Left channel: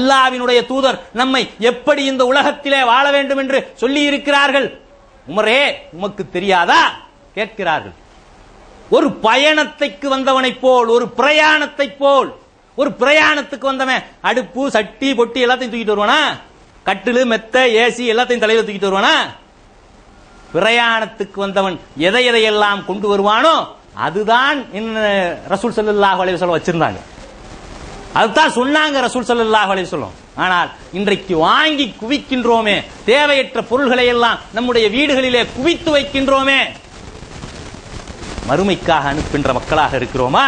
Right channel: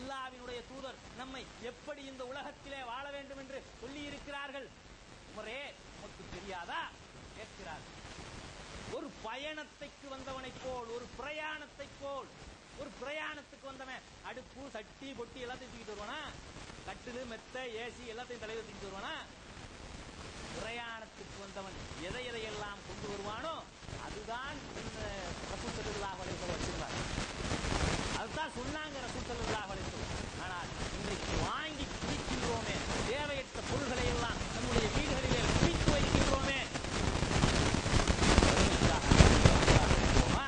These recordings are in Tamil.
அல்லாஹ்வினுடைய தூதர் நம்மை எப்படி இந்த உலகத்திலே வாழ வேண்டும் என்று சொல்லி இருக்கிறார்கள். உமரே, உமக்கு தெரியாதா கேட்கிறார்கள். ஒரு பயணத்துக்கு வந்தவனை போல், ஒரு பிரயாணத்தை போல், ஒரு பிரயாணத்துக்கு வந்தவன் அடுப்பு சட்டி பொட்டி எல்லாத்தையும் தூக்கிட்டு வருவானா? கட்டிலு மெத்த ஏசி எல்லாத்தையும் தலையில தூக்கிட்டு வருவானா? பிரயாணத்துக்கு வந்தவன் எதை எதையெல்லாம் கொண்டு வருவானோ அதுதான் ரசூல் ஸல்லல்லாஹு அலைஹி வஸல்லம் வச்சிருந்தாங்க. அதுதான் சொன்னாங்க ரசூல் ஸல்லல்லாஹு அலைஹி வஸல்லம். ஆனால் இன்றைக்கு வாங்கி குவிக்கின்றோமே, தேவையற்ற பொருள்களை எல்லாம் நம்முடைய வீடுகளிலே குவித்து வைக்கின்றோமே. மறுமைக்காக அனுப்புகின்ற மக்களாக இருக்கிறோமா?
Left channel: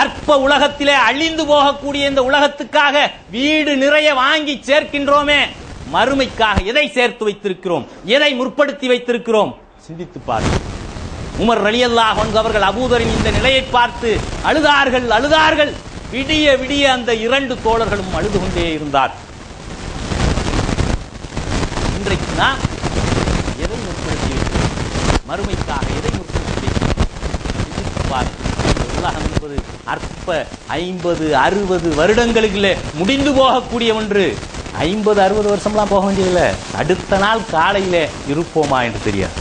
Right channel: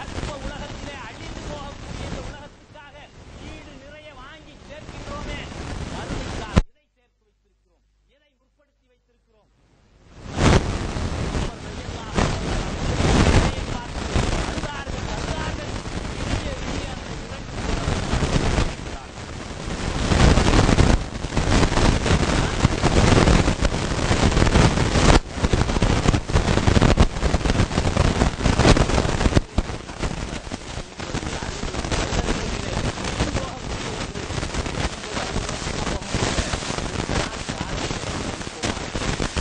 அற்ப உலகத்திலே அழிந்து போகக்கூடிய இந்த உலகத்துக்காக வீடு நிறைய வாங்கி சேர்க்கின்றோமே. மறுமைக்காக எதை சேர்த்து வைத்திருக்கிறோம்? எதை முற்படுத்தி வைத்திருக்கிறோம்? சிந்தித்து பாருங்கள். உமர் ரலியல்லாஹு அன்ஹு அவர்கள் அபூதரின் இந்த நிலையை பார்த்து அழுதார்கள். விடிய விடிய அந்த இரண்டு தோழர்களும் அழுது கொண்டே இருந்தார். அற்ப 50-60 வருடங்களிலே முடிந்து போகக்கூடிய ஒன்று. 50-60 வருஷம்லாம் போக வேண்டியதில்லை, அடுத்த நாள் காலையிலே இருப்போமா என்று தெரியாது.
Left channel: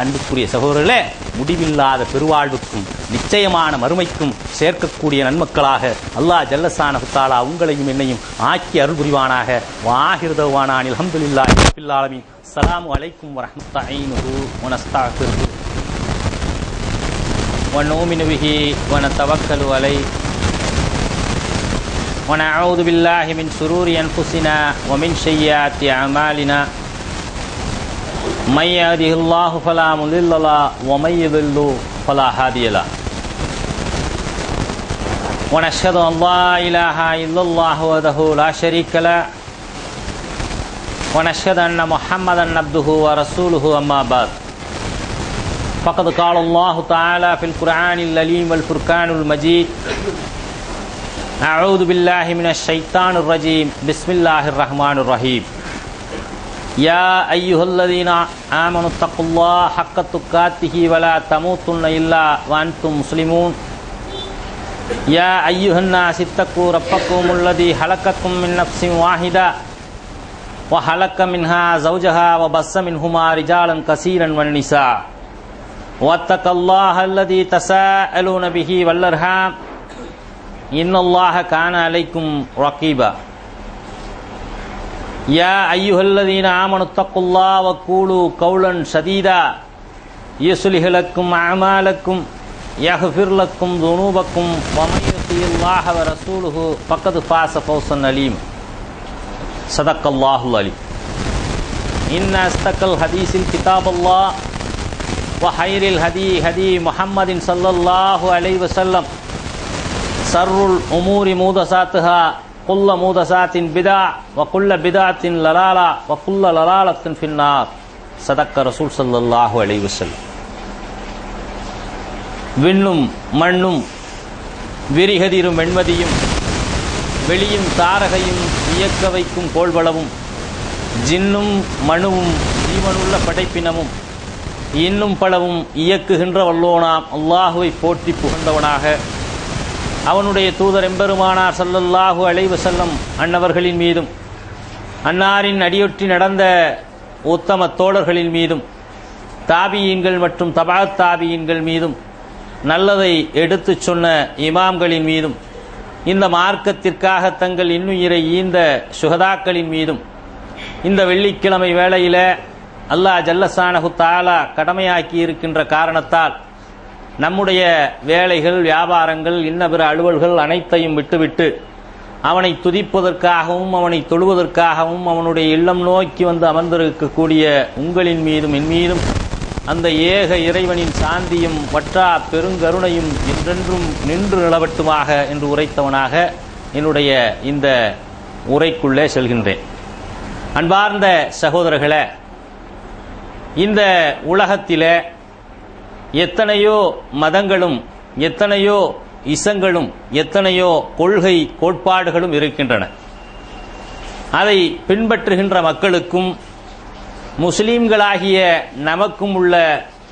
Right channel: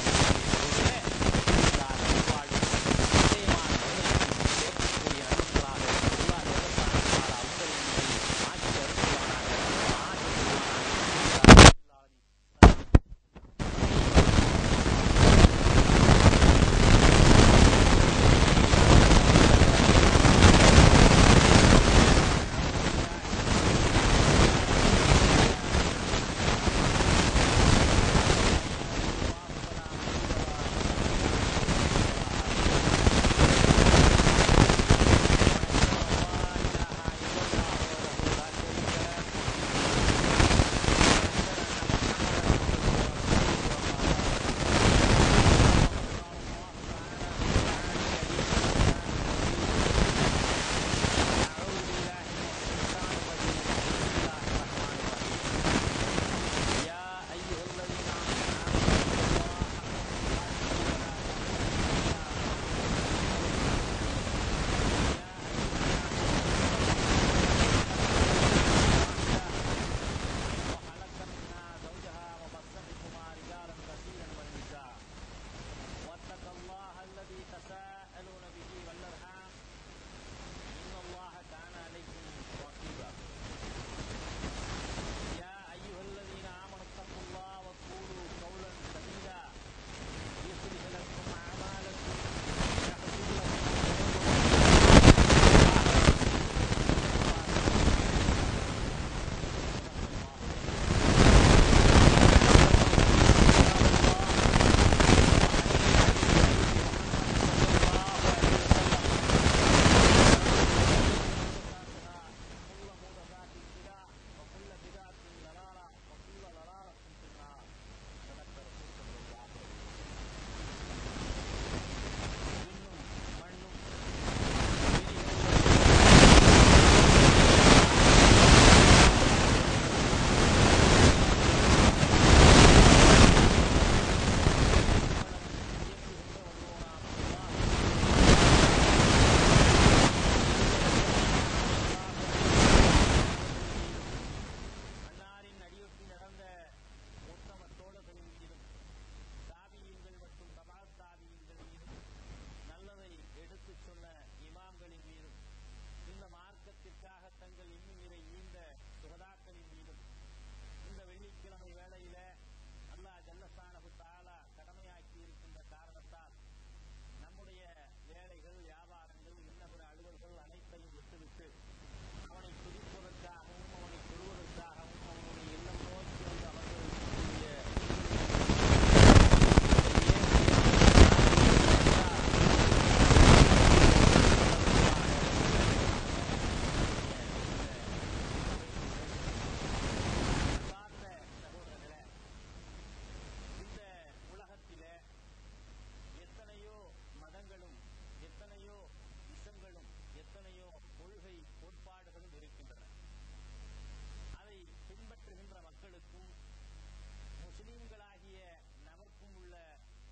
அன்புக்குரிய சகோதரர்களே, முடிவில்லாத பெருவாழ்வுக்கும் நிச்சயமான மறுமைக்கும் சேர்க்கக்கூடிய நன்மக்களாக அல்லாஹ் ஜல்லஷானஹு தஆலா உங்களையும் என்னையும் ஆக்கி அருள் புரிவானாக. வாஹிரு தஅவானா அல்ஹம்துலில்லாஹி ரப்பில் ஆலமீன். அஸ்ஸலாமு அலைக்கும் வரஹ்மத்துல்லாஹி வபரகாத்துஹு. ونؤمن به ونتوكل عليه ونعوذ بالله من شرور أنفسنا ومن سيئات أعمالنا من يهده الله فلا مضل له ومن يضلل فلا هادي له ونشهد أن لا إله إلا الله وحده لا شريك له ونشهد أن محمدا عبده ورسوله أما بعد فقد قال الله تعالى في القرآن العليم والفرقان المجيد أعوذ بالله من الشيطان الرجيم بسم الله الرحمن الرحيم يا أيها الذين آمنوا اتقوا الله حق تقاته ولا تموتن إلا وأنتم مسلمون يا أيها الناس اتقوا ربكم الذي خلقكم من نفس واحدة وخلق منها زوجها وبث منهما رجالا كثيرا والنساء واتقوا الله الذي تساءلون به والأرحام إن الله كان عليكم رقيبا يا أيها الذين آمنوا اتقوا الله وقولوا قولا سديدا يصلح لكم أعمالكم يغفر لكم ذنوبكم ومن يطع الله ورسوله فقد فاز فوزا عظيما صدق الله العليم. إن أصدق الحديث كتاب الله وخير الهدي هدي محمد صلى الله عليه وسلم شر الأمور محدثاتها كل محدثات بدعة وكل بدعة ضلالة وكل ضلالة في النار صدق رسول صلى الله عليه وسلم. விண்ணும் மண்ணும் விரிகதிரும் வெண்மதியும் வெளியும் தாரகையும் இயக்க வைக்கும் கோள்வளமும் ஜின்னும் மனுவும் திருமண படைப்பினமும் இன்னும் பலவும் இயக்குகின்ற வல்லோனாம் அல்லாஹுவை போற்றி புகழ்ந்தவனாக அவனுடைய தூதர் எம்பெருமானார் ஸல்லல்லாஹு அலைஹி வஸல்லம் அன்னவர்களின் மீதும் அன்னாரின் அடியொற்றி நடந்த உத்தம தோழர்களின் மீதும் தாபியீன்கள் மற்றும் தபஅத் தாபியீன்கள் மீதும் நல்லதை எடுத்துச் சொன்ன இமாம்களின் மீதும் இந்த மார்க்கத்திற்காக தங்கள் இன்னுயிரை ஈந்த சுஹதாக்களின் மீதும் இந்த வெள்ளிக்கிழமை வேளையில அல்லாஹ் ஜல்லஷானஹு தஆலா கடமையாக்கி இருக்கின்ற காரணத்தால் நம்முடைய வேலைகள் வியாபாரங்கள் இன்ன பிற அலுவல்கள் அனைத்தையும் விட்டுவிட்டு அவனை துதிப்பதற்காகவும் அவனை தொழுவதற்காகவும் அவனுடைய இல்லம் நோக்கி வந்து அமர்ந்திருக்கக்கூடிய உங்களின் மீதும் என் மீதும் அந்த ஏக இறைவனின் சாந்தியும் வற்றா பெருங்கருணையும் என்றென்றும் நின்று நிலவட்டுமாக என்று உரைத்தவனாக என்னுடைய இந்த உரைக்குள்ளே செல்கின்றேன். அன்பார்ந்த சகோதரர்களே, இந்த உலகத்திலே எத்தனையோ மதங்களும் எத்தனையோ இசங்களும் எத்தனையோ கொள்கை கோட்பாடுகளும் இருக்கின்றன. அதை பின்பற்றுகின்ற மக்களுக்கும் முஸ்லிம்களாகிய நமக்கும் உள்ள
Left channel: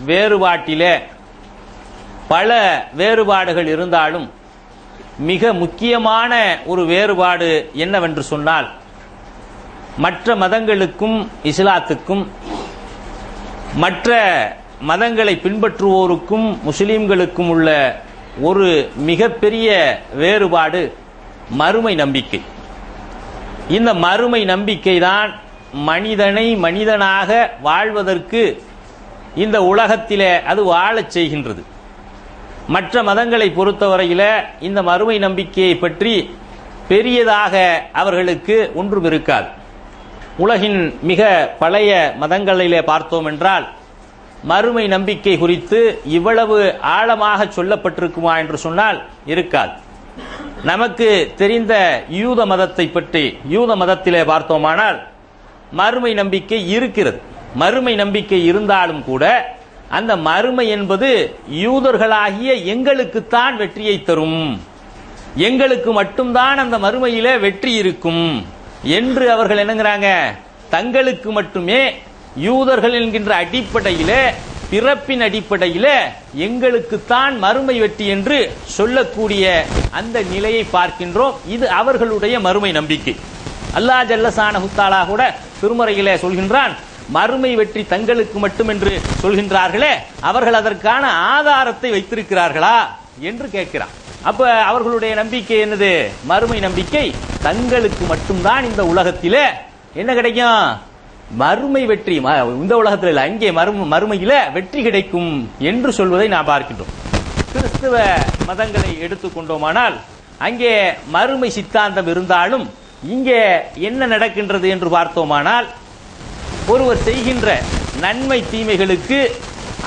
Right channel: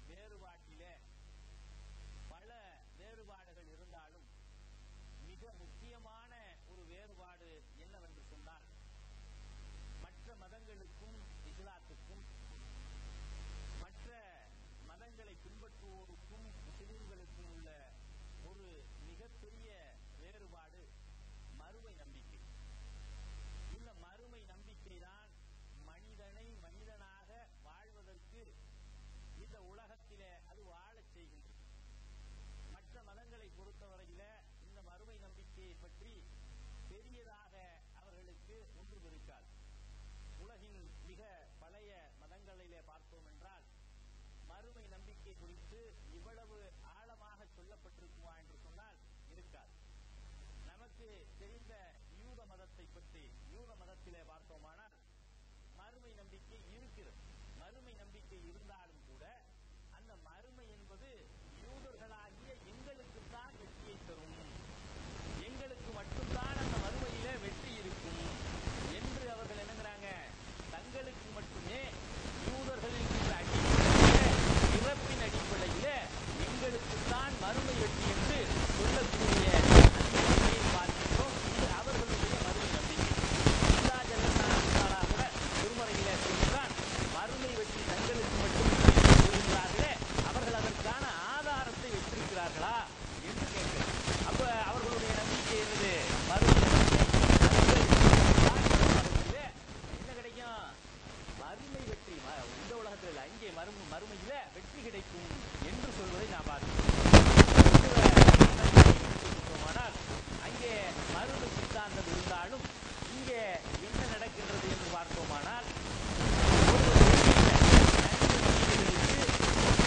வேறுபாட்டிலே பல வேறுபாடுகள் இருந்தாலும் மிக முக்கியமான ஒரு வேறுபாடு என்னவென்று சொன்னால், மற்ற மதங்களுக்கும் இஸ்லாத்துக்கும் மற்ற மதங்களை பின்பற்றுவோருக்கும் முஸ்லிம்களுக்கும் உள்ள ஒரு மிகப்பெரிய வேறுபாடு மறுமை நம்பிக்கை. இந்த மறுமை நம்பிக்கை தான் மனிதனை மனிதனாக வாழ்வதற்கு இந்த உலகத்திலே அது வாழச் செய்கின்றது. மற்ற மதங்களை பொறுத்தவரையில் இந்த மறுமை நம்பிக்கையை பற்றி பெரியதாக அவர்களுக்கு ஒன்றும் இருக்காது. உலகின் மிக பழைய மதங்களிலே பார்த்தோம் என்றால் மறுமை நம்பிக்கை குறித்து இவ்வளவு ஆழமாக சொல்லப்பட்டிருக்குமா என்று சொன்னால் இருக்காது. நமக்கு தெரிந்த யூத மதத்தை பற்றி யூத மதத்திலே பார்த்தோமானால் மறுமை நம்பிக்கை இருக்கிறது. மறுமை நம்பிக்கை இருந்தாலும் கூட அந்த மறுமை என்பது யூதர்களாகிய எங்களுக்குத்தான் வெற்றியை தரும், எங்களுக்கு மட்டும்தான் அந்த மறுமையிலே வெற்றி இருக்கும் என்று அவர்கள் என்னங்கிறாங்க, தங்களுக்கு மட்டுமே யூதர்கள் என்கின்ற அடிப்படையிலே பிறப்பின் அடிப்படையிலே எங்களுக்குத்தான் மறுமை வெற்றி என்று சொல்லக்கூடிய அந்த நிலையை பார்க்கின்றோம். இது அவர்களுடைய மறுமை நம்பிக்கை. அல்லாஹ் ஜல்லஷானஹு தஆலா கூட திருமறையிலே சொல்கின்றான், மறுமை வெற்றி தங்களுக்கு மட்டும் என்று சொல்கின்றார்களே, அவர்கள் அதற்கான ஆதாரத்தை வைத்திருக்கிறார்களா என்று கேட்கிறான். அப்ப அவர்களுடைய நம்பிக்கை என்னது? மறுமை நம்பிக்கை. தங்களுக்கு மட்டும்தான் இந்த உலகத்திலே என்ன கிடைக்கும்? மறுமை வெற்றி. இந்த உலகத்தில் இல்லை, அங்கே மறுமையில வெற்றி கிடைக்கும் என்று சொல்வதை நாம் பார்க்கின்றோம். கிறிஸ்தவ மதங்களை எடுத்துக்கொண்டோமானால் அங்கே மறுமை சித்தாந்தம் இருந்தாலும் இங்கே என்ன நடக்கின்றது என்று பார்த்தோமானால், ஒருவர் செய்கின்ற நன்மை தீமைகளுக்கு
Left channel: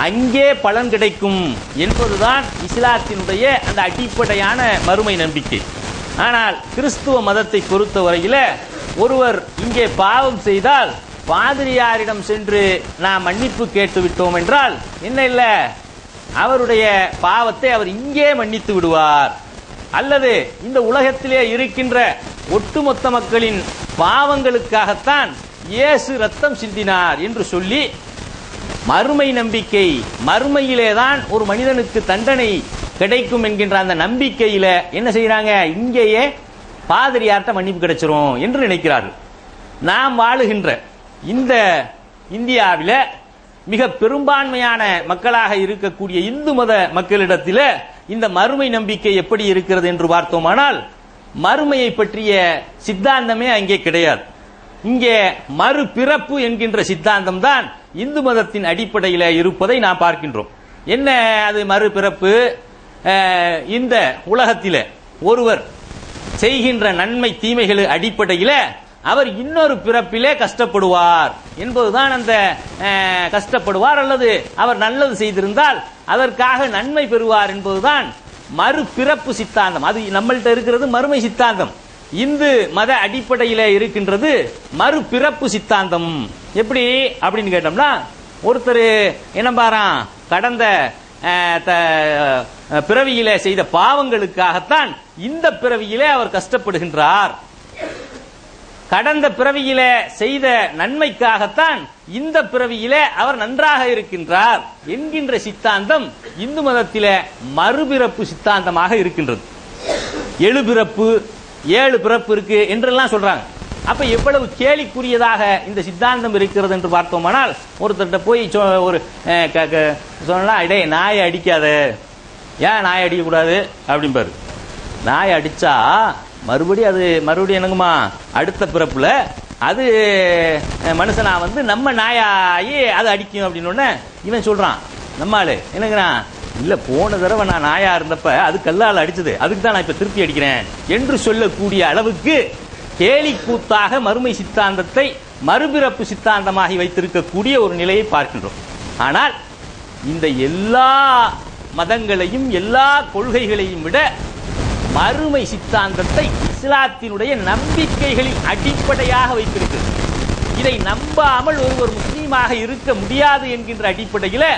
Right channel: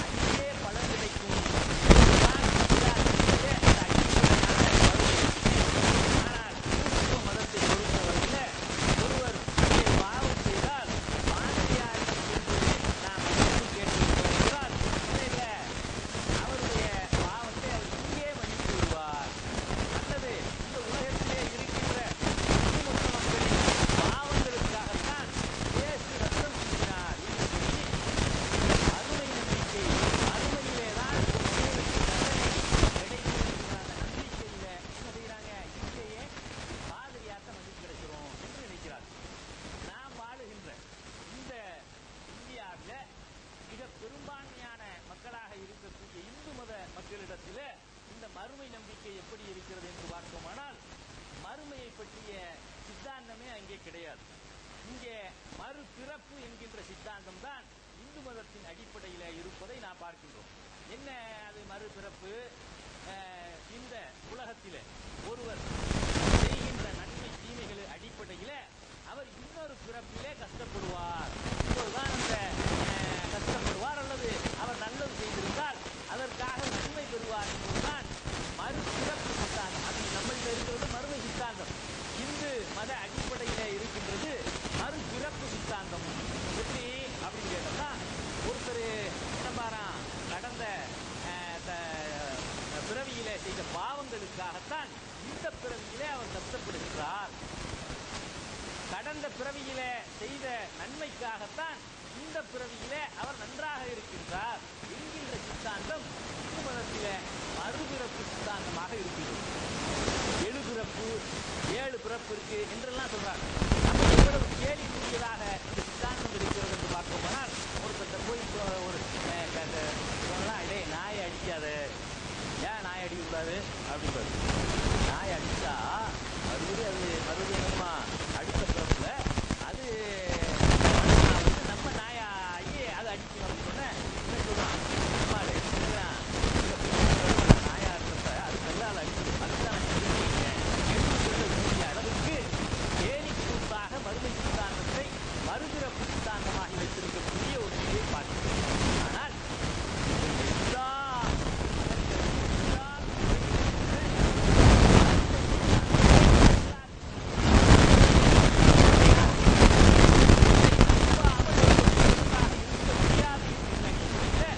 அங்கே பலன் கிடைக்கும் என்பதுதான் இஸ்லாத்தினுடைய அந்த அடிப்படையான மறுமை நம்பிக்கை. ஆனால் கிறிஸ்துவ மதத்தை பொறுத்தவரையில் ஒருவர் இங்கே பாவம் செய்தால் பாதிரியாரிடம் சென்று நாம் மன்னிப்பு கேட்டு விட்டோம் என்றால் என்ன இல்லை, அவருடைய பாவத்தை அவர் இங்கே மன்னித்து விடுவார். அல்லது இந்த உலகத்திலே இருக்கின்ற ஒட்டுமொத்த மக்களின் பாவங்களுக்காகத்தான் இயேசு ரத்தம் சிந்தினார் என்று சொல்லி மறுமை நம்பிக்கை, மறுமையிலேதான் ஒரு மனிதனுக்கு தண்டனை கிடைக்கும் என்கின்ற அந்த நம்பிக்கையில என்ன செய்யறாங்க, இங்கேயே பாதிரியார்ட்ட மன்னிப்பு கிடைச்சிரும் என்று நினைக்கிறார்கள். நாம் வாழுகின்ற இந்த இந்தியாவில் மிக பெரும்பான்மையான மக்களாக இருக்கக்கூடிய இந்து மத மக்களிடத்தில் இந்த மறுமை நம்பிக்கை எப்படி இருக்கிறது என்று பார்த்தோமானால், மறுமையை பற்றிய சித்தாந்தமே அங்கே கிடையாது. இங்கே மறுபிறப்பு என்கின்ற சித்தாந்தம் தான் இந்து மதத்தின் அடிப்படையில் இருப்பதை நாம் பார்க்கின்றோம். என்ன அது மறுபிறப்பு? இந்த உலகத்தில் ஒருவர் செய்கின்ற நன்மை தீமைகள் அடிப்படையில் அவர் இன்னொரு பிறப்பிலே கஷ்டப்படுவார் என்பதுதான். அந்த கஷ்டப்படுவார் அல்லது அவர் நல்லது செய்திருந்தால் அதற்காக நன்மை பெறுவார் என்பதுதான் மறுபிறப்பு சித்தாந்தம். அது நம்மள்கிட்ட இருக்கிறது மறுமை சித்தாந்தம். இந்து மத அடிப்படையில் இருக்கின்றது மறுபிறப்பு சித்தாந்தம். எப்படி அப்படின்னு கேட்டோம்னா, ஒருத்தர் என்ன பாரான், கடந்த பிறவியிலே செய்த பாவங்களுக்காகத்தான் இந்த பிறவியிலே அவர் கஷ்டப்படுகின்றார், கடந்த பிறவியிலே செய்த நன்மைக்காகத்தான் இந்த பிறவியிலே அவர் நன்றாக இருக்கின்றார் என்கின்ற சித்தாந்தம் இந்து மதத்திலே மறுபிறப்பு சித்தாந்தமாக இருக்கின்றது. 7 பிறப்பு 7 பிறப்பு இருக்கு என்றெல்லாம் சொல்றாங்க. அப்ப எவ்வளவு கேலிக்குரியதாக இந்த சித்தாந்தம் இருக்கிறது என்று பார்த்தோமானால், ஒருத்தர்கிட்ட போய் ஒரு சொன்னா, இடே நாயை அடிக்காத, ஏன் நாயை அடிக்க கூடாது அப்படிம்பாரு. நாயை அடிச்சா மறுபடியும் என்னங்குமா, அடுத்த பிறப்புல அது மனுஷனா வந்து நம்ம நாயாயி அது அடிக்கும் அப்படின்னு இவன் சொல்றான். நம்மாளு என்னங்கிறான், இல்ல போன தடவை நான் நாயா இருந்தப்ப அது கல்லால் அடிச்சது, அதுக்கு தான் நான் இப்ப திருப்பி அடிக்கிறேன் என்று சொல்லக்கூடிய அளவுக்கு கேலி கூத்தாக மறுமை சித்தாந்தத்தை மறுபிறப்பு சித்தாந்தமாகி வைத்திருக்கக்கூடிய ஒரு நிலையை பார்க்கின்றோம். ஆனால் இந்த எல்லா மதங்களையும் எல்லா கொள்கைகளையும் விட மறுமை சித்தாந்தத்தை இஸ்லாத்தினுடைய நம்பிக்கைகளின் அடிப்படையாக வைத்திருக்கிறது. இதை நம்பாமல் ஒருவர் முஸ்லீமாக இருக்க முடியாது என்கின்ற அடிப்படையில்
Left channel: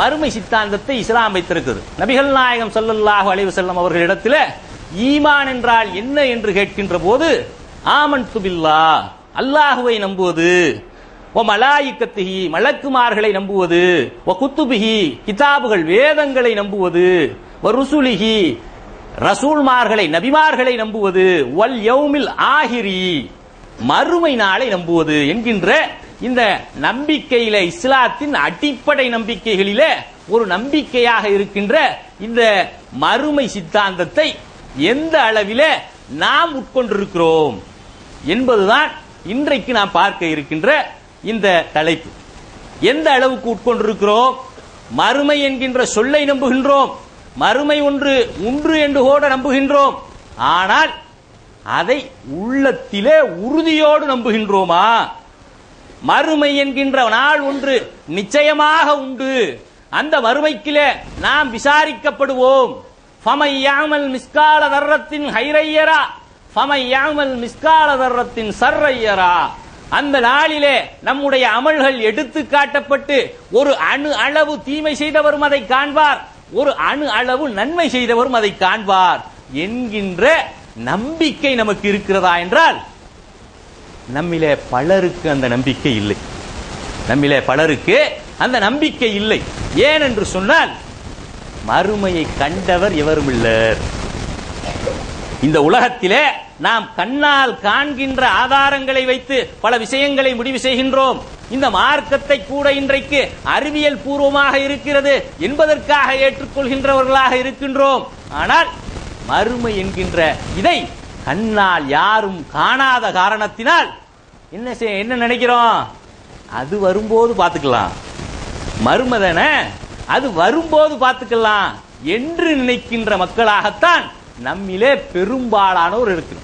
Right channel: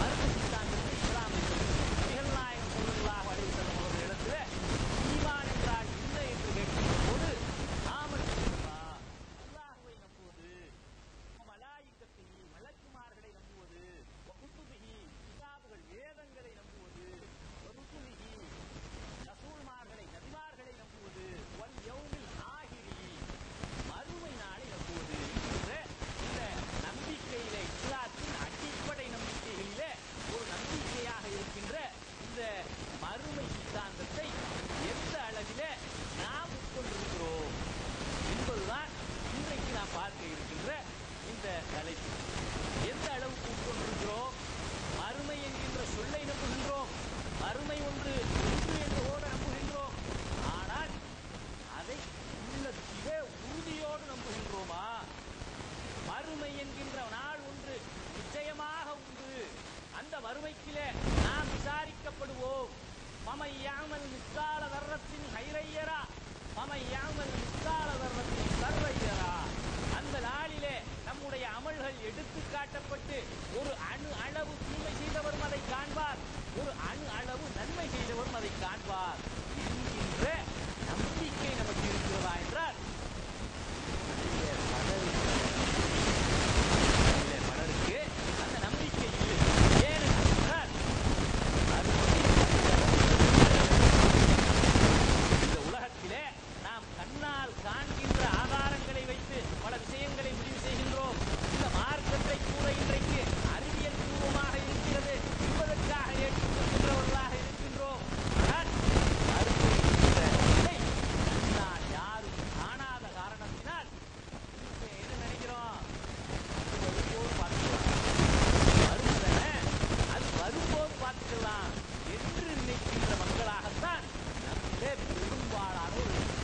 மறுமை சித்தாந்தத்தை இஸ்லாம் வைத்திருக்கிறது. நபிகள் நாயகம் ஸல்லல்லாஹு அலைஹி வஸல்லம் அவர்களிடத்தில் ஈமான் என்றால் என்ன என்று கேட்கின்ற போது, ஆமன்து பில்லாஹ், அல்லாஹுவை நம்புவது, ஓ மலாயிக்கத்திஹி, மலக்குமார்களை நம்புவது, ஓ குத்துபிஹி, கிதாபுகள் வேதங்களை நம்புவது, ஓ ருசுலிஹி, ரசூல்மார்களை நபிமார்களை நம்புவது, வல் யௌமில் ஆஹிரி மறுமை நாளை நம்புவது என்கின்ற இந்த நம்பிக்கையில இஸ்லாத்தின் அடிப்படை நம்பிக்கைகளிலே ஒரு நம்பிக்கையாக இருக்கின்ற இந்த மறுமை சித்தாந்தத்தை எந்த அளவிலே நாம் உட்கொண்டிருக்கிறோம் என்பதுதான் இன்றைக்கு நாம் பார்க்க இருக்கின்ற இந்த தலைப்பு. எந்த அளவுக்கு உட்கொண்டிருக்கிறோம்? மறுமை என்கின்ற சொல்லை நம்புகின்றோம், மறுமை ஒன்று உண்டு என்று கூட நம்புகின்றோம். ஆனால் அதை உள்ளத்திலே உறுதியோடு நம்புகின்றோமா? மறுமை என்கின்ற நாள் ஒன்று நிச்சயமாக உண்டு, அந்த மறுமைக்கிலே நாம் விசாரிக்கப்படுவோம். ஃபமை யாமல் மிஸ்கால தர்ரத்தின் ஹைரையரா ஃபமை யாமல் மிஸ்கால தர்ரத்தின் சர்ரையரா. அந்த நாளிலே நம்முடைய அமல்கள் எடுத்து காட்டப்பட்டு ஒரு அணு அளவு தீமை செய்தவரும் அதை காண்பார், ஒரு அணு அளவு நன்மை செய்தவரும் அதை காண்பார் என்கின்ற நம்பிக்கை நமக்கு இருக்கிறதா என்றால் நம்மிலே பலருக்கு அந்த நம்பிக்கை இல்லை. நம்மிலே பலருக்கு அந்த நம்பிக்கை இல்லை. ஏன் என்று சொன்னால் மறுமையை கண்டவர் எவரும் இல்லை. இந்த உலகத்திலே நாம் கண்ணால் காண்கின்ற ஆதாரங்களை வைத்து பல விஷயங்களை முடிவு செய்கின்றோம். இந்த மார்க்கத்தை கூட இன்றைக்கு அறிவியல் பூர்வமாக இருக்கிறது என்பதற்காக ஏற்றுக்கொள்கின்றவர்களாக இருக்கின்றோம். ஆனால் மறுமை என்கின்ற இதை கண்ணால் யாரும் காணாத காரணத்தினால் என்ன நினைக்கிறோம்? அது வரும்போது பார்த்துக்கலாம், மறுமதன அது வரும்போது பார்த்துக்கலாம் என்று நினைக்கின்ற மக்களாகத்தான் நம்மிலே பெரும்பாலானோர் இருக்கு.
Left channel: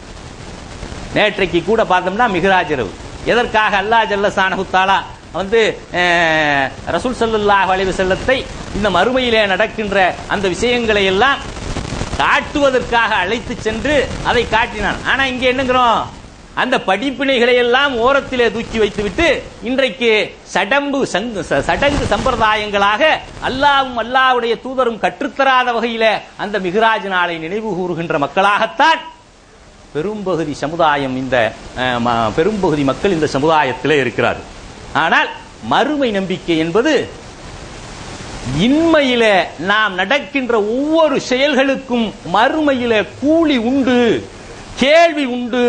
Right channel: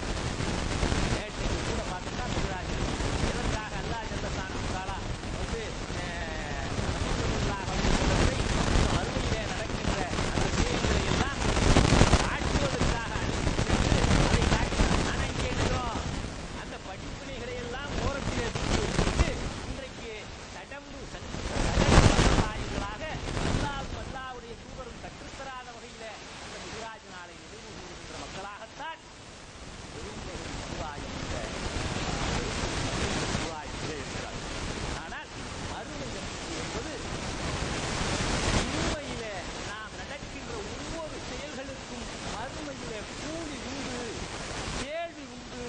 நேற்றைக்கு கூட பார்த்தோம்னா மிஹ்ராஜ் இரவு. எதற்காக அல்லாஹ் ஜல்ல ஷானஹு தஆலா ரசூல் ஸல்லல்லாஹு அலைஹி வஸல்லத்தை இந்த மறுமையிலே நடக்கின்ற அந்த விஷயங்களை எல்லாம் காட்டுவதற்காக அழைத்து சென்று அதை காட்டினான். ஆனா இங்க என்னங்கிறோம்? அந்த படிப்பினைகளை எல்லாம் ஓரத்திலே தூக்கி வைத்துவிட்டு இன்றைக்கு சடங்கு சம்பிரதாயங்களாக அல்லாஹ்வும் அல்லாஹ்வுடைய தூதரும் கற்றுத்தராத வகையில அந்த மிஹ்ராஜ் நாளை நினைவு கூறுகின்ற மக்களாகத்தான் பெரும்பகுதி சமுதாயம், இந்த பெரும்பகுதி மக்கள் இந்த சமுதாயத்திலே இருக்கிறார். ஆனால் மறுமை நம்பிக்கை என்பது இன்மையில நாம் நடக்கின்ற ஒவ்வொரு செயல்களுக்கும் மறுமையில கூலி உண்டு, கேள்வி உண்டு,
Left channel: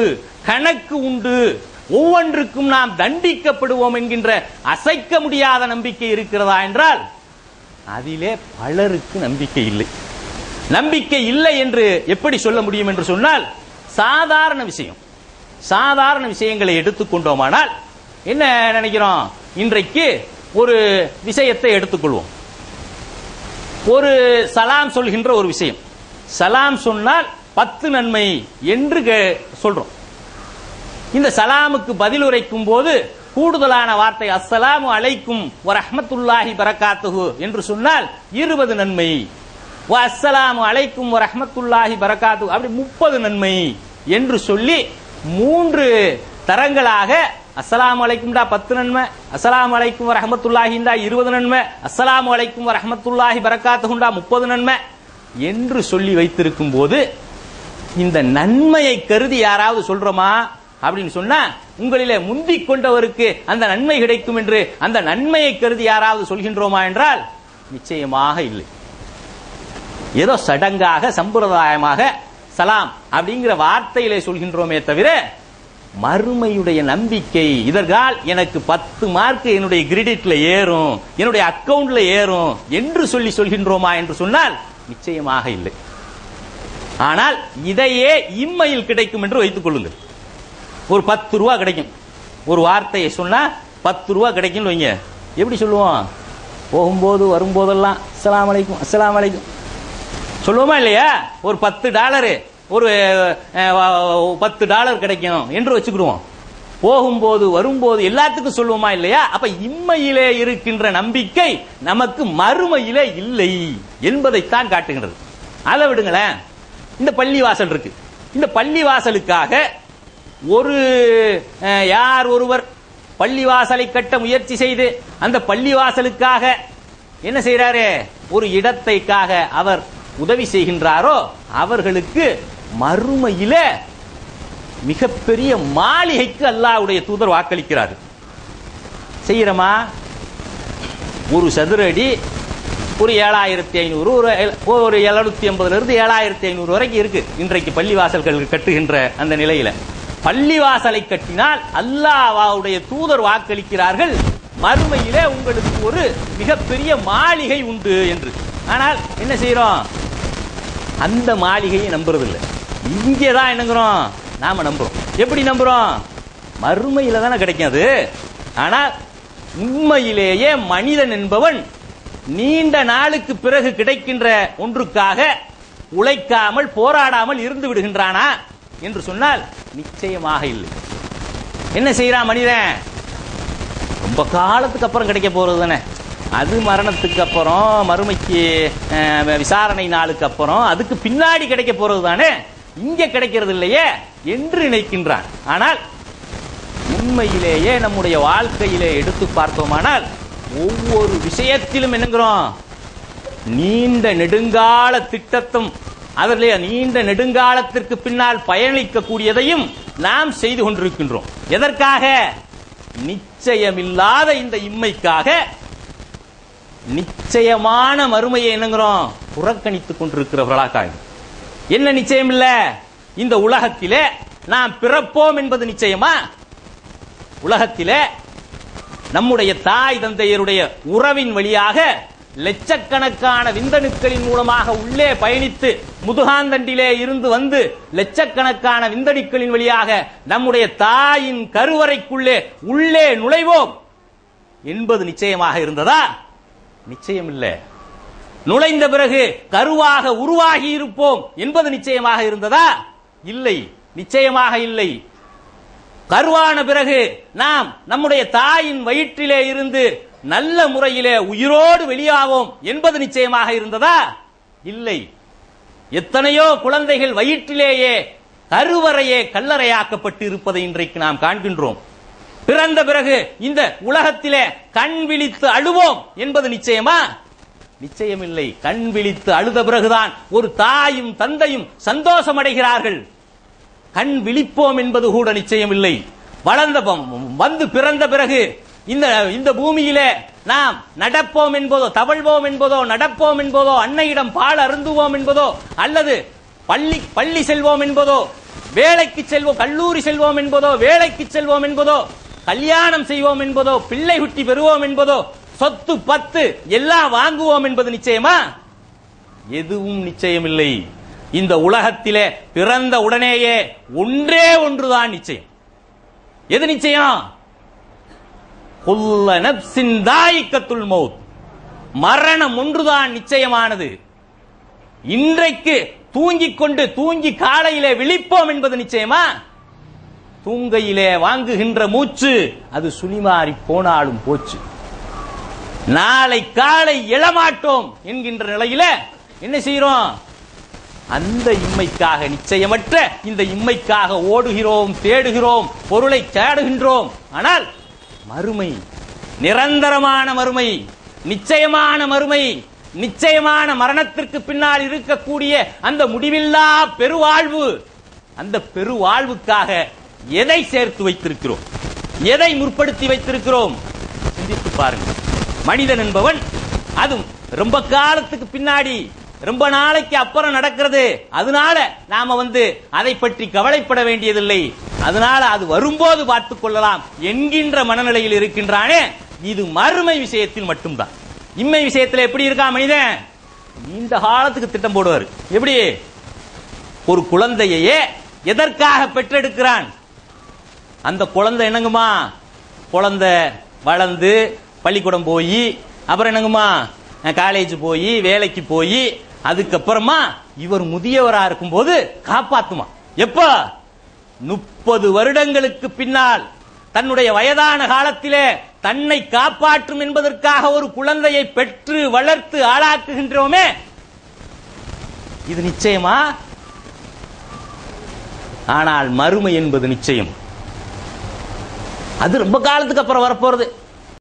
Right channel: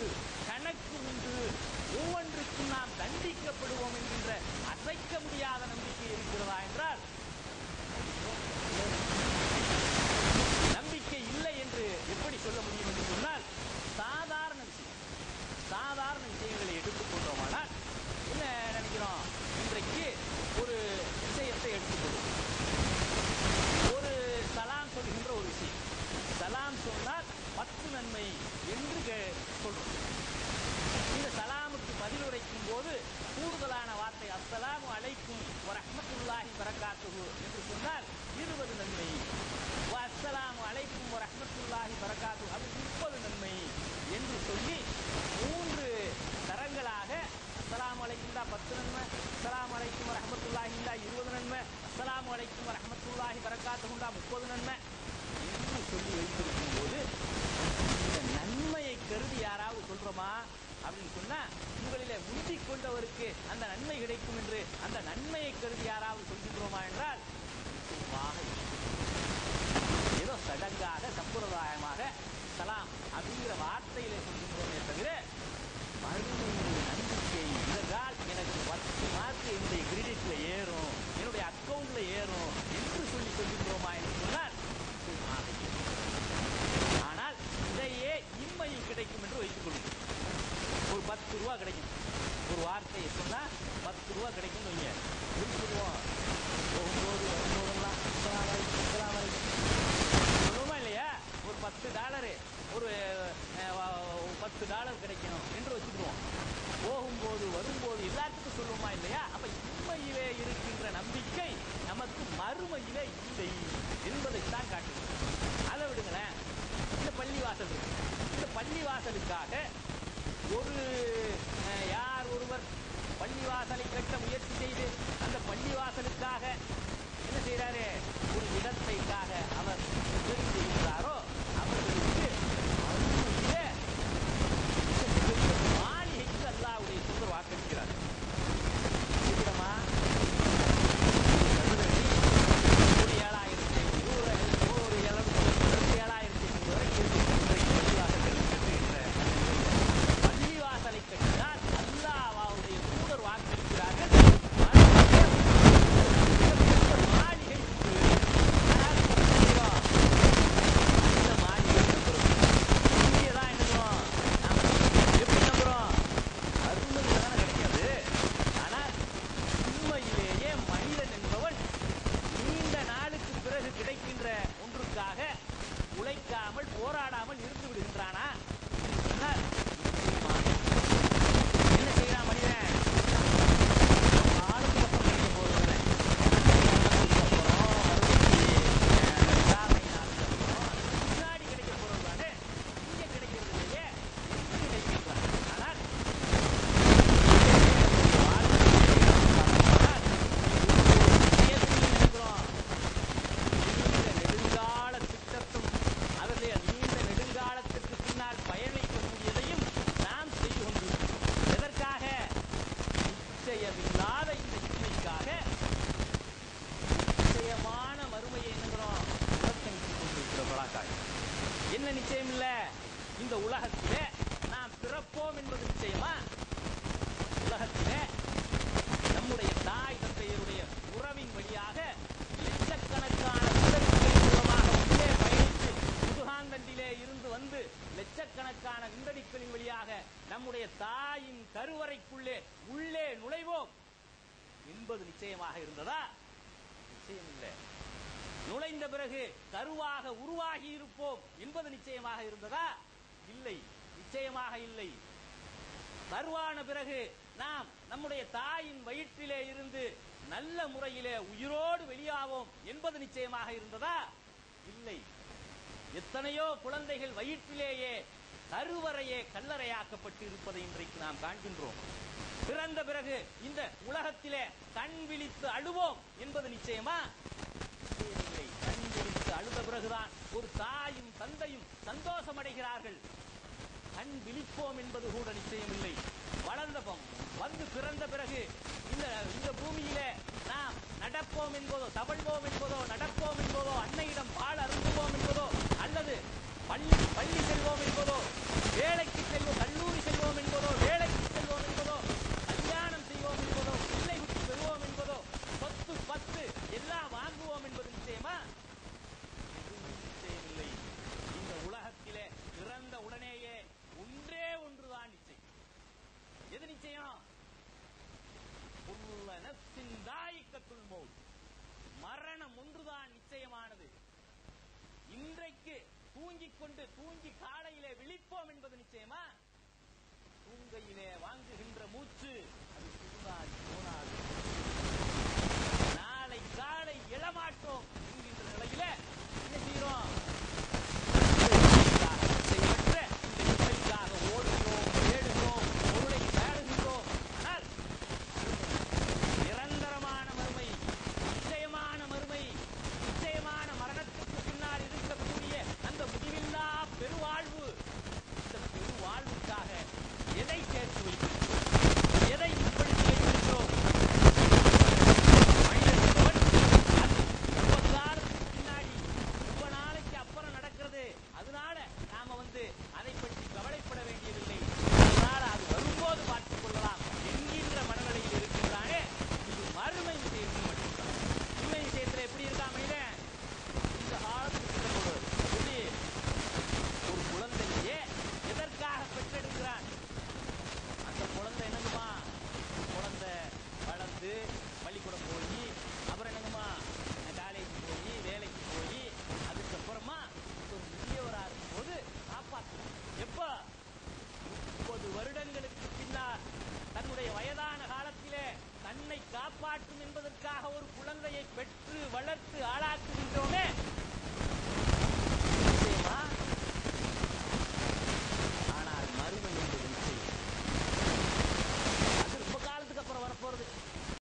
கணக்கு உண்டு, ஒவ்வொன்றுக்கும் நாம் தண்டிக்கப்படுவோம் என்கின்ற அசைக்க முடியாத நம்பிக்கை இருக்கிறதா என்றால் அதிலே பலருக்கு நம்பிக்கை இல்லை. நம்பிக்கை இல்லை என்று எப்படி சொல்ல முடியும் என்று சொன்னால் சாதாரண விஷயங்களை எடுத்துக்கொண்டோமானால் என்ன நினைக்கிறோம்? இன்றைக்கு ஒரு விஷயத்தை எடுத்துக்கொள்வோம். ஒரு சலாம் சொல்கின்ற ஒரு விஷயம், சலாம் சொன்னால் 10 நன்மை என்று சொல்றோம். இந்த சலாமுக்கு பதில் உரைக்கும் போது கூடுதலான வார்த்தை அஸ்ஸலாமு அலைக்கும் வ ரஹ்மத்துல்லாஹி பரகாத்துஹு என்று சொன்னால் 20 நன்மை, வ அஸ்ஸலாமு அலைக்கும் வ ரஹ்மத்துல்லாஹி பரகாத்துஹு அப்படி 30 நன்மை என்று சொல்லி 3 தரங்களாக அஸ்ஸலாமு அலைக்கும்டா 10 நன்மை, அஸ்ஸலாமு அலைக்கும் வ ரஹ்மத்துல்லாஹிண்டா 20 நன்மை, அஸ்ஸலாமு அலைக்கும் வ ரஹ்மத்துல்லாஹி பரகாத்துஹுண்டா 30 நன்மை என்று சொல்லி வைத்திருக்கும் போது இந்த நன்மையை கருதி யாராவது சொல்றோமா அப்படின்னு சொன்னா உங்களிலே முந்திக் கொண்டவருக்கு அந்த நன்மை கிடைக்கும் என்று அந்த நன்மையை கருதி யாராவது சொல்கின்றோமா என்றால் நிச்சயமாக இல்லை. ஏதோ சடங்காக சம்பிரதாயமாக சலாம் அப்படிங்கிற வார்த்தையிலே சொல்கின்றோமே தவிர மறுமையுடைய நம்பிக்கை இதற்கால் எனக்கு 10 மார்க் என்னுடைய கிரெடிட்ல ஏறும், என்னுடைய அக்கவுண்ட்ல ஏறும் என்று சொல்கின்றோமா என்று சொன்னால் நிச்சயமாக இல்லை. ஆனால் இதையே இம்மையில் கிடைக்கும் என்று வைத்துக் கொள்ளுங்கள். ஒரு 10 ரூபா கிடைக்கும், ஒரு வார்த்தையை சொன்னா 10 ரூபா கிடைக்கும் வைங்க. எப்படி சொல்லுவோம்? போகும்போது வரும்போதெல்லாம் அஸ்ஸலாமு அலைக்கும் அஸ்ஸலாமு அலைக்கும் சொல்லுவோமா இல்லையா? ஒரு $10 ஒரு $10 கிடைக்கும் என்று வச்சுக்கிடுவோம். போகும்போது வரும்போது எல்லாத்துக்கும் சொல்லுவோமா இல்லையா? அப்ப இம்மையிலே இருக்கின்ற நம்பிக்கை நமக்கு மறுமையிலே இல்லை என்பதைத்தான் காட்டுகிறது. அதை விடுங்களேன், இந்த பள்ளிவாசல் இருக்கு. இந்த பள்ளிவாசலுக்காக யார் ஒருவர் பள்ளிவாசலை கட்ட முயற்சி செய்து அந்த பள்ளிவாசலுக்காக என்ன செய்யறாரு? ஒரு இடத்தைக்காக அவர் உதவி செய்கின்றாரோ அவர்களுக்கு மறுமையில மிகப்பெரிய மாளிகைக்கு அல்லாஹ்வுடைய தூதர் வாக்களிக்கிறார். செய்யறமா? ஒரு சதுர அடி ஒரு 7500, ஒரு 780 7500 வரைக்கும் இருக்கு இன்றைக்கு பள்ளிவாசல்கள் கட்டுகின்ற அந்த நிலையில. பள்ளிவாசலை கட்டினால் அல்லாஹ்வுடைய தூதர் வாக்களிக்கிறார்கள், மறுமையிலே உங்களுக்கு ஒரு மிகப்பெரிய மாளிகை உண்டு என்று. ஆனால் என்ன செய்யறோம்? அந்த மாளிகையை நம்புறதில்லை. இங்கேதான் என்னங்கிறோம், நாம நம்புறோம். எப்படி நம்புறோம்? மறுமையில தானே கிடைக்காது. ஆனால் உண்மையிலேயே மனிதன் என்பவன் நீண்ட நாளுக்கு பிறகு கிடைக்கின்ற ஒன்றுக்காக உழைக்காமல் போராடாமல் இருந்து விடுகின்றானா என்று சொன்னால் நிச்சயமாக இல்லை. என்ன செய்யறான் மனிதன்? ரொம்ப காலத்துக்கு அப்புறம் கிடைக்க போறது தானே, அது மரணத்துக்கு அப்புறம், மறுமைக்கு விசாரணை நாளுக்கு அப்புறம், அதுக்கு பின்னாடி கிடைக்க போறது தானே, இங்க கிடைக்கிறது இல்லையே என்று நினைக்கின்றான். ஆனால் உண்மையிலேயே நம்முடைய வாழ்க்கையிலே எடுத்து பார்த்தோமானால் ஒவ்வொரு விஷயத்திலும் என்னங்கிறோம், நீண்ட நெடுங்கால திட்டத்தும் அதிலே நீண்ட நெடுங்காலத்திற்கு பின்னால் பயணிக்கக்கூடியதையும் நாம் செய்து கொண்டிருக்கின்றோம். எதற்காக? நிச்சயமில்லாத இந்த இம்மைக்காக. நிச்சயமான மறுமையை என்னங்கிறோம், புறக்கணித்துக் கொண்டிருக்கிறவர்களாக. என்ன நிச்சயம் இல்ல? இந்த உலகத்திலே நாம் பிறப்போம் என்பது நிச்சயமா? உலகத்திலே நம்முடைய தாய் தந்தையருடைய உறவின் வழியாக லட்சக்கணக்கான விந்தணுக்களின் மூலமாக உள்ளே பயணித்து முதுகாந்தண்டிலே இருந்து வந்து லட்சக்கணக்கான விந்தணுக்களின் வழியாக நம்முடைய தாயின் கருவறைக்குள்ளே உள்ளே நுழைவோம் என்பது நிச்சயமாக இருந்ததா? நிச்சயம் இல்லை. நுழைந்த பிறகு கருவாக உருவாகி இருப்போம் என்பது நிச்சயமாக இருந்ததா? இல்லை, நிச்சயமாக இல்லை. கருவான பிறகு நாம் நம்முடைய தாயின் வயிற்றிலே இருந்து நல்ல முறையிலே உயிரோடு வெளியாவோம் என்பது நிச்சயமாக இருந்ததா? இல்லை. எத்தனையோ குழந்தைகள் வயிற்றிலேயே கருவறையே கல்லறையாக்கப்பட்டு இருப்பதை இன்றைக்கு நாம் காண்கின்றோம். பிறந்த பிறகு இந்த உலகத்திலே கண் விழித்து அழுவோம் என்பது நிச்சயமா? நிச்சயமில்லை. கண் விழித்து அழுத பிறகுதான் ஒரு தாயும் தந்தையும் சந்தோஷம் அடைகிறார்கள். கண் விழிப்போம் என்பது கூட நிச்சயமில்லை. வளர்ந்த வந்து பிறந்த பிறகு இந்த பூமியிலே நாம் நடப்போம் என்பதோ, தவழ்வோம் என்பதோ, நடப்போம் என்பதோ, அன்னையிடம் பால் அருந்துவோம் என்பதோ, அல்லது பள்ளி செல்வோம் என்பதோ, வேலைக்கு செல்வோம், கல்லூரி செல்வோம் என்பதோ, வேலைக்கு செல்வோம் என்பதோ, கல்யாணம் செய்வோம் என்பதோ, பிள்ளை குட்டி பெறுவோம் என்பதோ, சொத்து பத்து எல்லாம் வாங்குவோம் என்பது நிச்சயமா? எதுவும் நிச்சயமில்லை. இந்த உலகத்திலே பிறந்த உடனேயே ஒன்றே ஒன்றுதான் நிச்சயம். எது நிச்சயம்? குல்ல நப்சின் தாயிக்கத்துல் மௌத், மரணம் ஒன்றுதான் நிச்சயமானது. இன்றைக்கு தூங்கிக் கொண்டு தூங்கி காலையிலே விழிப்போம் என்பது நிச்சயமா? தூங்கையிலே வாங்குகின்ற மூச்சு அது சுனிமாறி போனாலும் போச்சு. நாளை காலை எழமாட்டோம் என்கின்ற நிலையில என்ன செய்யறோம்? அந்த இம்மைக்காக, நிச்சயமற்ற இந்த இம்மைக்காக ஓடுகிறோம், தேடுகிறோம், பொருளை தேடுகின்றோம். ஆனால் மறுமை, நிரந்தரமான மறுமை, நிச்சயமான மறுமை, நிச்சயமான மரணத்திற்கு பின்னால் இருக்கக்கூடிய அந்த முடிவில்லா பெருவாழ்வு, அந்த பெருவாழ்வுக்காக எதை சேர்த்து வைத்திருக்கிறோம்? எதை முற்படுத்தி வைத்திருக்கிறோம்? பாருங்க, மனிதன் என்பவன் அதுவும் ரொம்ப காலத்துக்கு பின்னாடி, ரொம்ப நாளைக்கு அப்புறம் நடக்கிறது. அதனால நாம அதை பற்றி கவலைப்பட வேண்டியதில்லை, அதனால அது வரும்போது பார்த்துக் கொள்ளலாம் என்கின்ற மனநிலையில் இருக்கின்றானே. இது மறுமை விஷயத்தில் மட்டும்தான். இம்மை விஷயத்தில் எப்படி இருக்கா மனிதன்? இந்த காலத்துக்கு திட்டம் போடுவார். எப்படி? ஒரு குழந்தையே எதற்காக பெற்றெடுக்கிறான்? அந்த குழந்தை என்னங்குமா, குழந்தை வளர்ந்து பள்ளிக்கூடம் போய், அப்புறம் என்னங்குமா காலேஜ் போய், வேலைக்கு போய், அதுக்கப்புறமா இவர் முதியவரா இருக்கும் போது காப்பாத்துமா. எப்ப? 30 வருடங்களுக்கு பின்னால் தன்னுடைய வயதான காலத்திலே தன்னை காப்பாற்றும் என்பதற்காக ஒரு குழந்தையை பெற்று வளர்த்து ஆளாக்குகின்றோமே, இது நிச்சயமா? ஆனால் மறுமை என்பது நிச்சயம். அது ரொம்ப காலத்துக்கு அப்புறம் வரப்போறது.